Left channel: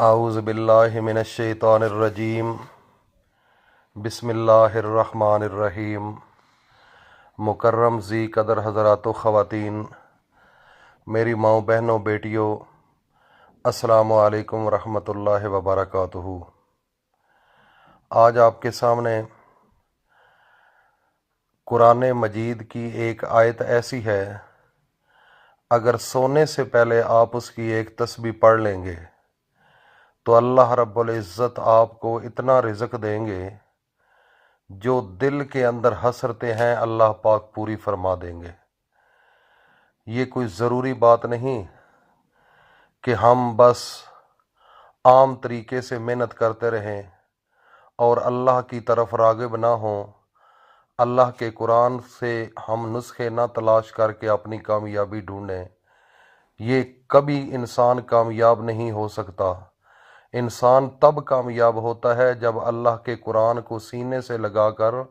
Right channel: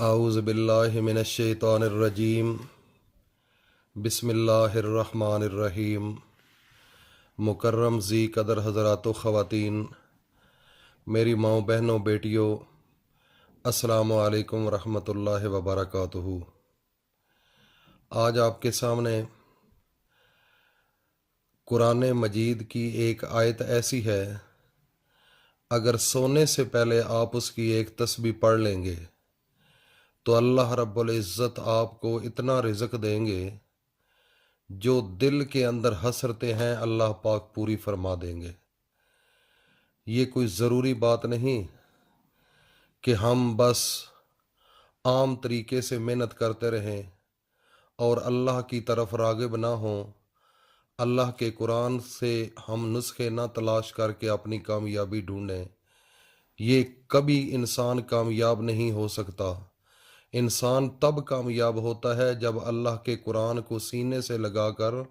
अऊज़ु बिल्लाहि मिनश्शैतानिर्रजीम। बिस्मिल्लाहिर्रहमानिर्रहीम। मुकर्रम ज़ी कदर हज़रात व ख़वातीन, मेरी माँओं बहनों बेटियों, अस्सलामु अलैकुम रहमतुल्लाहि व बरकातुहू। आज आपके सामने कुरान मजीद की एक आयत ऐसी है, अगर सोने से पहले आप उसकी एक तस्बीह पढ़ लेंगे तो अल्लाह रब्बुल इज़्ज़त आपको इतना रिज़्क़ देंगे जो दिल के अंदर हसरतें हैं अल्लाह पाक पूरी फरमा देंगे। ये कोई ज़रूरी बात नहीं कि हम बस आम तरीके से मेहनत करते रहें और अल्लाह की तरफ राग़िब ना हों, अल्लाह के कुरान से हम नुस्खे ना तलाश करके अपनी कामयाबी ढूंढें। ये कभी इंसान कामयाब नहीं हो सकता। इंसान तब कामयाब होता है जब अल्लाह के कुरान को सीने से लगाकर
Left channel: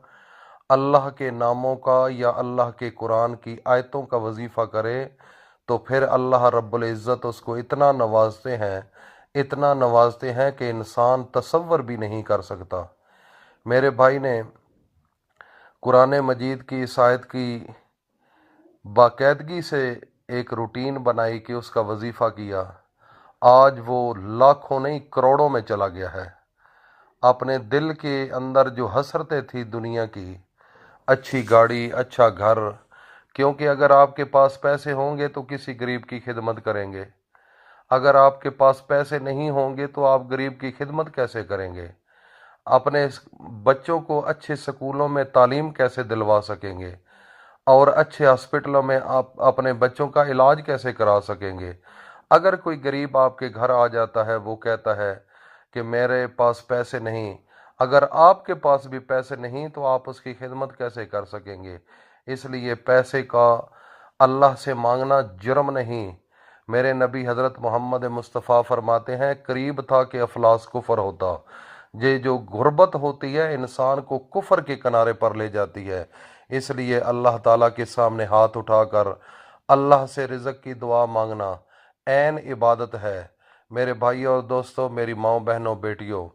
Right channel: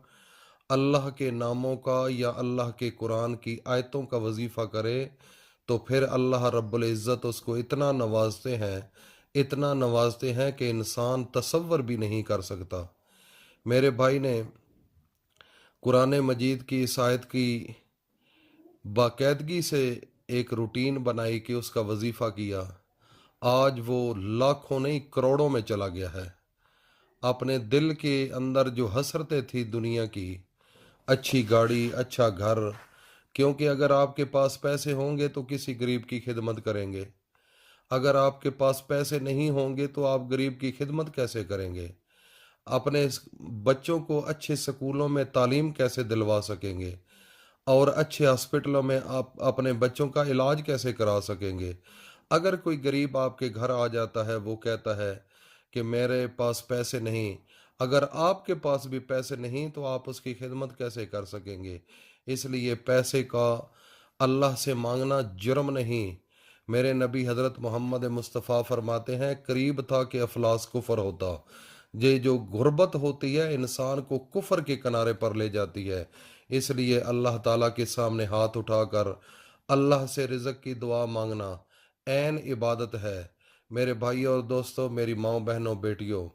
अल्लाह के नामों का या अल्लाह के कुरान की आयतों का वजीफ़ा करे, तो फिर अल्लाह रब्बुल इज़्ज़त उसको इतना नवाजते हैं कि इंसान तसव्वुर भी नहीं कर सकता। मेरे भाई ने कुरान मजीद की इस आयत की बाकायदगी से एक रूटीन बनाई कि उसका वजीफ़ा किया। आज वो लाखों नहीं करोड़ों में चला गया है। अपने दिल के अंदर जो हसरतें थी दुनिया की, अच्छी गाड़ी, अच्छा घर, क्योंकि अगर आपके पास पैसे होंगे तो किसी गरीब की खिदमत करेंगे, अगर आपके पास पैसे नहीं होंगे तो आप गरीब की खिदमत कैसे करेंगे, अपने बच्चों को अच्छे स्कूलों में तालीम कैसे दिलवा सकेंगे और अच्छे हॉस्पिटलों में आप अपने बच्चों का इलाज कैसे करा सकेंगे। अगर कोई गरीब आपके घर आ जाता है, वो कहता है कि मेरे पास पैसे नहीं, अगर आपके पास भी पैसे नहीं तो आप उसकी खिदमत कैसे कर सकेंगे। इसलिए पैसे का अल्लाह से मांगना जुर्म नहीं। मेरे नबी हज़रत मोहम्मद मुस्तफ़ा फरमाते हैं, करीब था कि अफलास कुफ़र होता। ये जो गुर्बत होती है इंसान को कुफ़र के किनारे पर ले जाती है। इसलिए अल्लाह ताला के सामने हाथ उठाकर अल्लाह से रिज़्क़ की दुआ मांगना ऐन इबादत है। मेरे भाई और दोस्तों, मेरी माँओं बहनों बेटियों,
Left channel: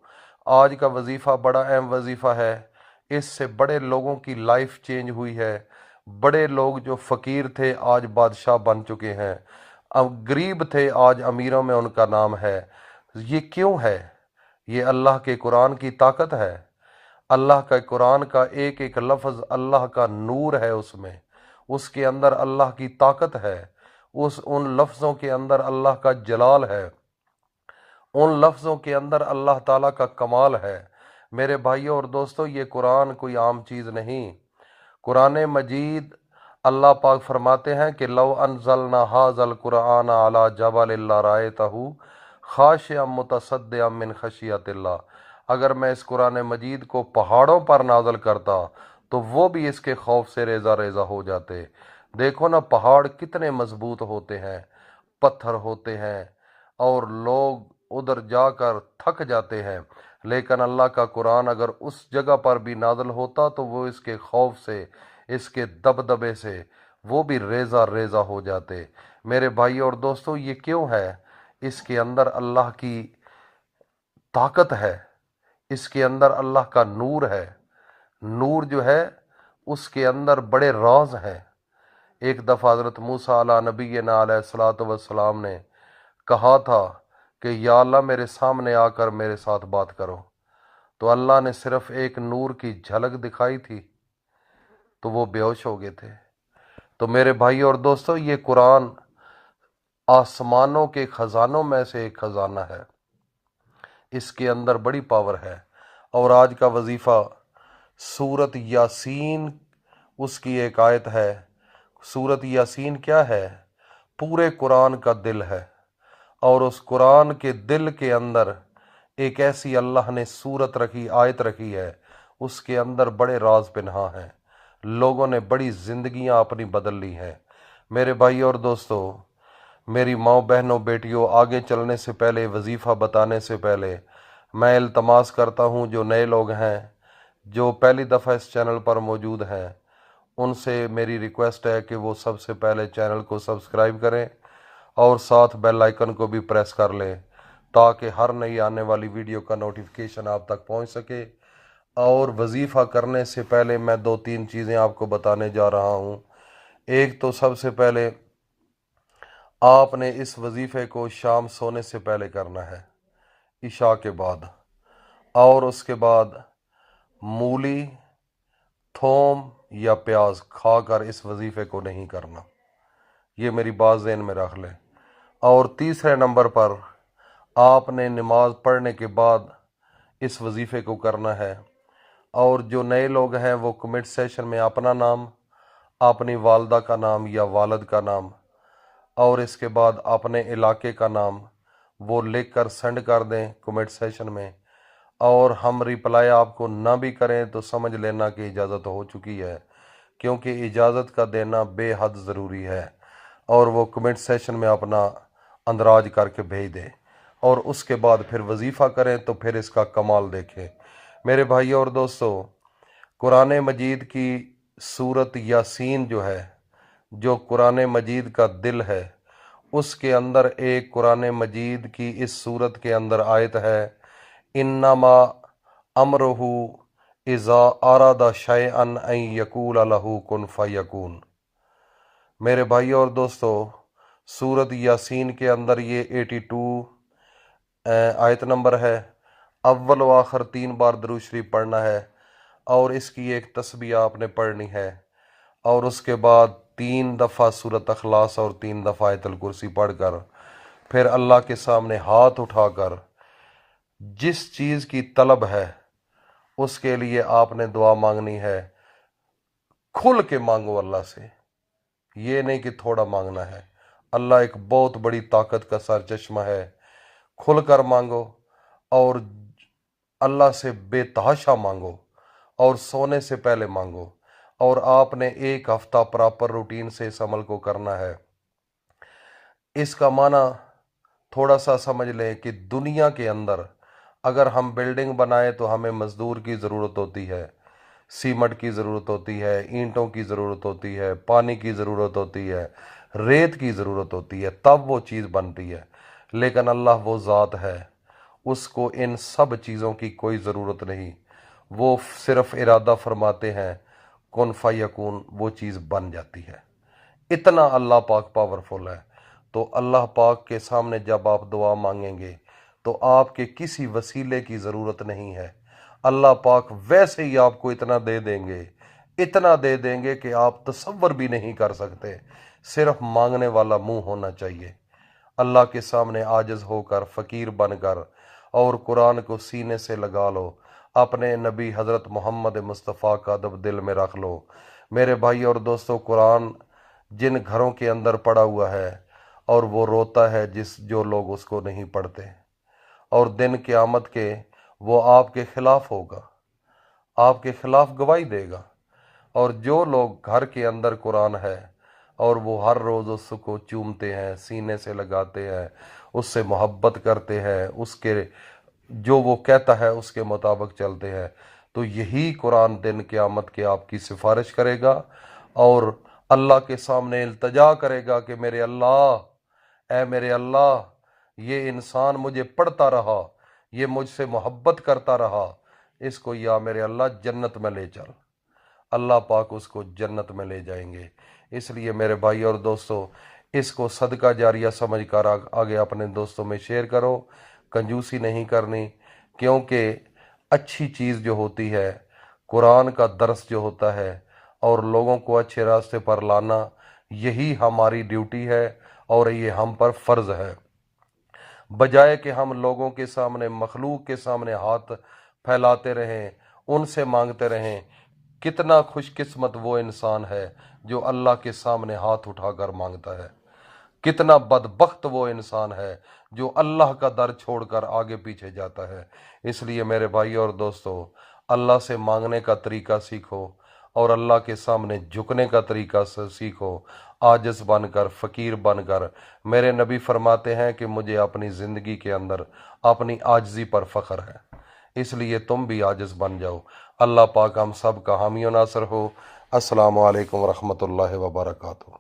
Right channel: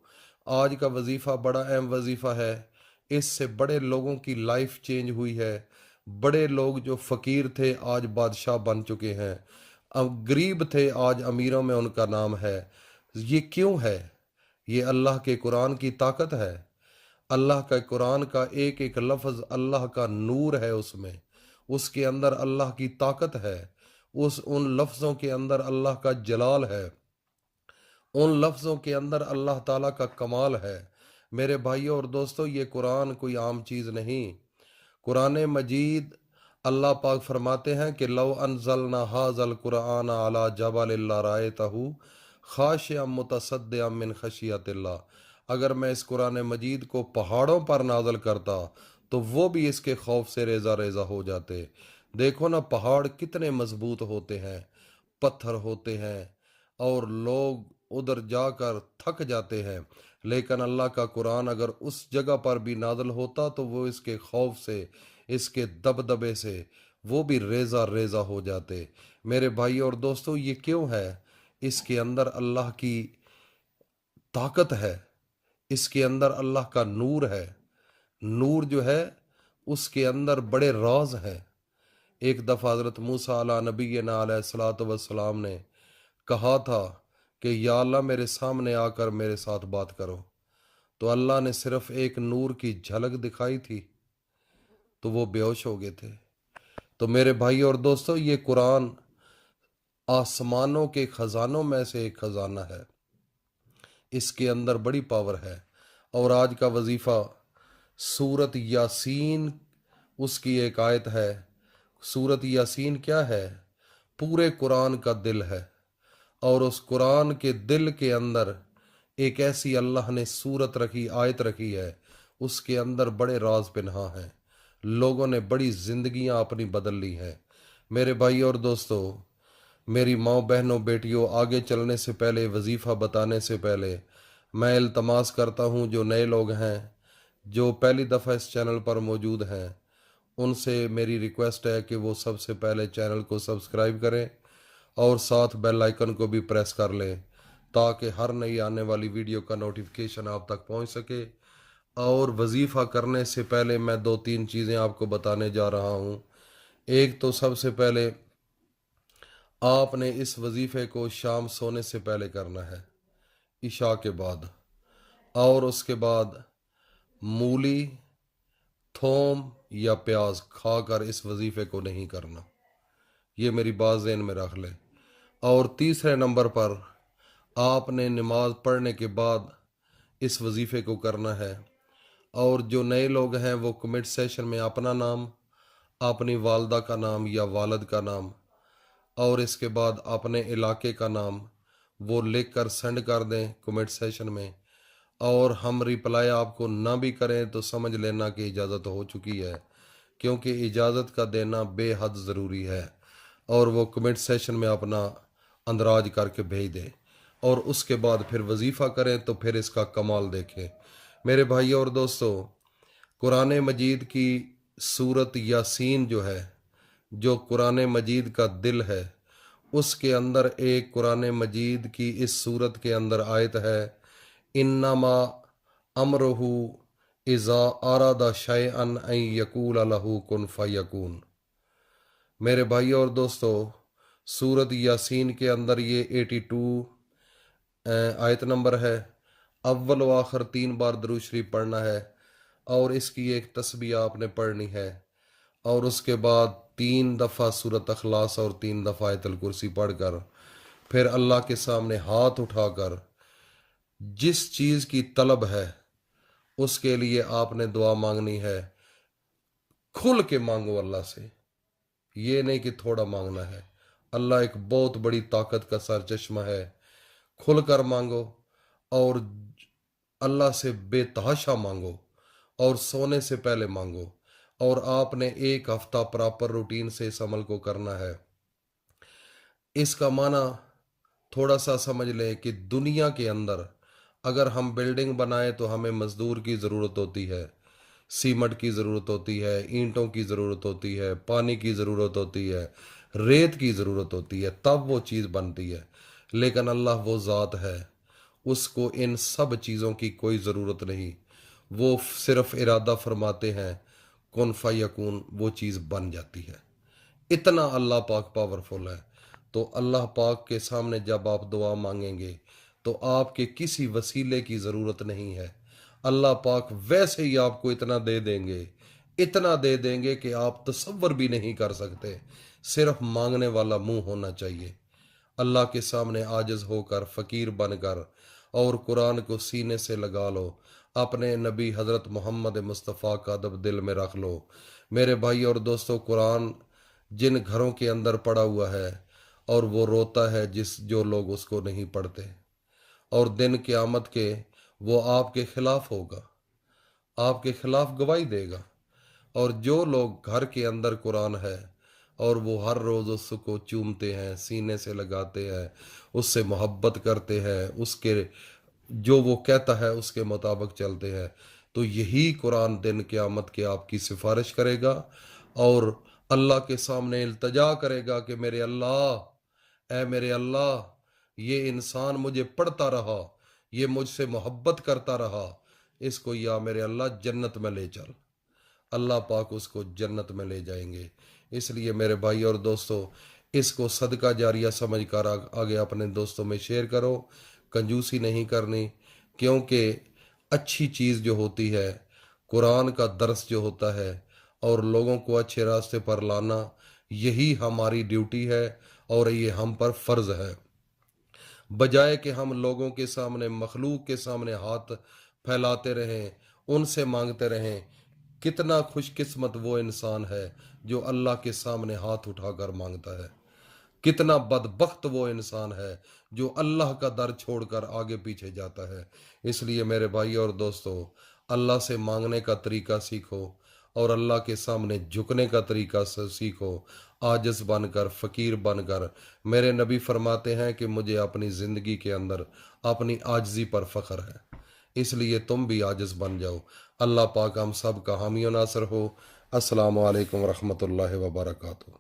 आज का वजीफ़ा बड़ा अहम वजीफ़ा है। इससे बड़े लोगों की लाइफ चेंज हुई है। बड़े लोग जो फ़कीर थे आज बादशाह बन चुके हैं, अब गरीब थे आज अमीरों में उनका नाम है। ये क्यों है? ये अल्लाह के कुरान की ताकत है। अल्लाह का कुरान का एक एक लफ्ज़ अल्लाह का नूर है, उसमें उसके अंदर अल्लाह की ताकत है, उन लफ्ज़ों के अंदर अल्लाह का जलाल है, उन लफ्ज़ों के अंदर अल्लाह ताला का कमाल है। मेरे भाइयों और दोस्तों, ये कुरान कोई आम चीज़ नहीं। कुरान मजीद अल्लाह पाक फरमाते हैं कि लव अनज़लना हाज़ल कुरान अला जबल लरअयतहु खाशिअम मुतसद्दिअम मिन खशियतिल्लाह। अगर मैं इस कुरान मजीद को पहाड़ों पर नाज़ल करता तो वो भी इसके खौफ से रेज़ा रेज़ा हो जाते। देखो ना, पहाड़ कितने मजबूत होते हैं, पत्थर होते हैं और लोग उधर जाकर थक जाते हैं, लेकिन अल्लाह का कुरान अगर उस जगह पर भी नाज़िल होता तो वो इसके खौफ से, इसके दबदबे से वो भी रेज़ा रेज़ा हो जाते। मेरे भाई और दोस्तों, ये क्यों है? इसके अंदर अल्लाह की ताकत है, इसके अंदर अल्लाह का नूर है। नूर जो है उसके अंदर बड़े राज हैं। एक दफ़ा हज़रत मूसा अला नबीना अलैहिस्सलातु वस्सलाम ने कहा था कि या अल्लाह मेरे सामने आकर मेरे साथ बात करो, तो अल्लाह ने सिर्फ एक नूर की झलक दिखाई थी तो वो बेहोश हो गए थे। तो मेरे भाई और दोस्तों, ये कुरान आसमानों के ख़जानों में से एक ख़जाना है, इसके अंदर बड़ी पावर है। और आज का वजीफ़ा सूरत यासीन, उसकी एक आयत है। सूरत यासीन क्या है? पूरे कुरान का दिल है। और उस कुरान के दिल के अंदर एक ऐसी अल्लाह ने सूरत रखी, आयत रखी है, उसके अंदर बड़े राज पिन्हा हैं। लोगों ने बड़ी ज़िंदगियां अपनी बदल ली हैं। मेरे भाई और दोस्तों, मेरी माँ बहनों बेटियों, आगे चलने से पहले, वजीफ़ा बताने से पहले मैं इल्तमास करता हूँ, जो नए लोग हैं, जो पहली दफ़ा इस चैनल पर मौजूद हैं, उनसे मेरी रिक्वेस्ट है कि वो सबसे पहले चैनल को सब्सक्राइब करें और साथ बेल आइकन को भी प्रेस कर लें, ताकि हर नई आने वाली वीडियो का नोटिफिकेशन आप तक पहुंच सके। और वजीफ़ा करने से पहले मैं 2-3 चीज़ें आपको बताने जा रहा हूं। एक तो सबसे पहले आपने इस वजीफ़े को शाम सोने से पहले करना है, इशा के बाद, और उसके बाद मूली, थोम या प्याज खाकर इस वजीफ़े को नहीं करना। ये मेरी बात ज़हन में रख लें। और तीसरे नंबर पर आपने नमाज पढ़ने के बाद इस वजीफ़े को करना है। और जो नए लोग हैं वो कमेंट सेशन में अपना नाम, अपनी वालदा का नाम या वालिद का नाम और इसके बाद अपने इलाके का नाम वो लिख कर सेंड कर दें कमेंट सेशन में। और हम रिप्लाई आपको ना भी करें तो समझ लेना कि इजाज़त हो चुकी है, क्योंकि इजाज़त का देना बेहद ज़रूरी है। और वो कमेंट सेशन में अपना अंदराज करके भेज दें और उसके बाद फिर वजीफ़ा करें तो फिर इसका कमाल देखें। मेरे भाई और दोस्तों, कुरान मजीद की सूरत यासीन जो है, जो कुरान मजीद का दिल है, उसके अंदर एक कुरान मजीद की इस सूरत के अंदर आयत है, इन्नमा अमरुहु इज़ा आरादा शैअन अन यकूल लहू कुन फयकून। मेरे भाई और दोस्तों, सूरत यासीन के अंदर ये 82 आयत नंबर है। अव्वल व आखिर 3 बार दुरूद शरीफ पढ़ना है और इसकी एक तस्बीह आपने पढ़नी है। और उसके बाद 3 दफ़ा सूरत अखलास और 3 दफ़ा आयतुल कुर्सी पढ़कर फिर अल्लाह के सामने हाथ उठाकर जिस चीज़ की तलब है उसके लिए आपने दुआ मांगनी है। खुल के मांगो अल्लाह से, ये नहीं कि थोड़ा मांगना है। अल्लाह एक बहुत बड़ी ताकत का सरचश्मा है। खुल कर मांगो और अल्लाह से बेतहाशा मांगो और सोने से पहले मांगो। और आपने 1 हफ्ता प्रॉपर रूटीन से इस अमल को करना है। इसका माना थोड़ा सा समझ लें कि दुनिया के अंदर अगर हम बिल्डिंग बनाए तो हमें मज़दूर की ज़रूरत होती है, सीमेंट की ज़रूरत होती है, ईंटों की ज़रूरत होती है, पानी की ज़रूरत होती है, रेत की ज़रूरत होती है, तब वो चीज़ बनती है। लेकिन अल्लाह वो ज़ात है, उसको इन सब चीज़ों की कोई ज़रूरत नहीं। वो सिर्फ़ इरादा फरमाते हैं, कुन फयकून, वो चीज़ बन जाती है। इतना अल्लाह पाक पावरफुल है। तो अल्लाह पाक के सामने जब आप दुआ मांगेंगे तो आपके किसी वसीले की ज़रूरत नहीं है। अल्लाह पाक वैसे ही आपको इतना दे देंगे, इतना दे देंगे कि आप तसव्वुर भी नहीं कर सकते। सिर्फ मांगने वाला मुंह होना चाहिए। अल्लाह के सामने आजिज़ होकर, फ़कीर बनकर और कुरान को सीने से लगा लो। अपने नबी हज़रत मोहम्मद मुस्तफ़ा का अदब दिल में रख लो। मेरे भाई और दोस्तों, कुरान जिन घरों के अंदर पड़ा हुआ है और वो रोता है जो लोग उसको नहीं पढ़ते, और दिन क़यामत के वो आपके खिलाफ होगा, आपके खिलाफ गवाही देगा। और जो लोग घर के अंदर कुरान है और वो हर रोज़ उसको चूमते हैं, सीने से लगाते हैं, उससे मोहब्बत करते हैं, उसके जो वो कहता है उसके मुताबिक चलते हैं, तो यही कुरान दिन क़यामत के आपकी सिफारिश करेगा और अल्लाह के सामने इल्तजा करेगा कि मेरे अल्लाह, ऐ मेरे अल्लाह, ये इंसान मुझे पढ़ता रहा, ये मुझसे मोहब्बत करता रहा, इसको या मेरे अल्लाह जन्नत में ले चल। अल्लाह पाक उसको जन्नत में ले जाएंगे। इसलिए मेरे भाई और दोस्तों, इसको सदका जारिया समझ कर आगे अपने दोस्तों में शेयर करो। कंजूसी नहीं करनी, क्योंकि अच्छी चीज़ जो होती है, कुरान का दर्स जो होता है और लोगों को अच्छे रास्ते पर लाना, यही हमारी ड्यूटी है और ये हम पर फ़र्ज़ है। बजाय कि हम लोगों के सामने, मखलूक के सामने हाथ फैलाते रहें, उनसे मांगते रहें। कितना खुशकिस्मत वो इंसान है जो अल्लाह के सामने हाथ उठाकर मांगता है। कितना बदबख्त वो इंसान है जो अल्लाह का दर छोड़कर आगे पीछे जाता है। इसलिए मेरे भाई और दोस्तों, अल्लाह से मांगने का तरीका सीखो और अल्लाह के सामने झुकने का तरीका सीखो। आजिज़ बनकर, फ़कीर बनकर। मेरे नबी फरमाते हैं कि मुझे अपनी ज़िंदगी के अंदर अपनी आजिज़ी पर फ़ख्र है, इसलिए तुम भी आजिज़ बन जाओ। अल्लाह पाक हम सब का हामी नासर हो। अस्सलामु अलैकुम वरहमतुल्लाहि वबरकातुहू।